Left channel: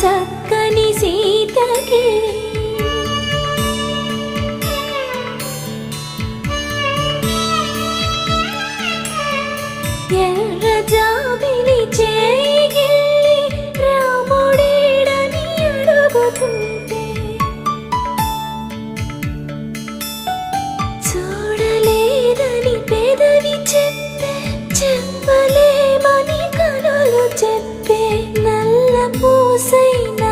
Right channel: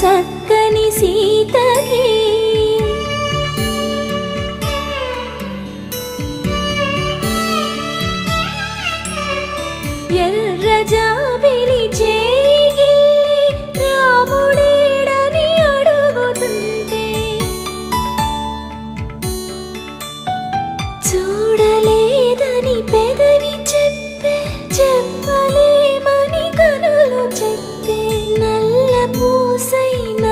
చక్కని సీతకి ఎర్ర జాబిలి చేయి రాముడేడని అడుగుతుంటే చూడలేదని పెదవి చెప్పే చెప్పలేమని కనులు చెప్పే నల్ల పూసైన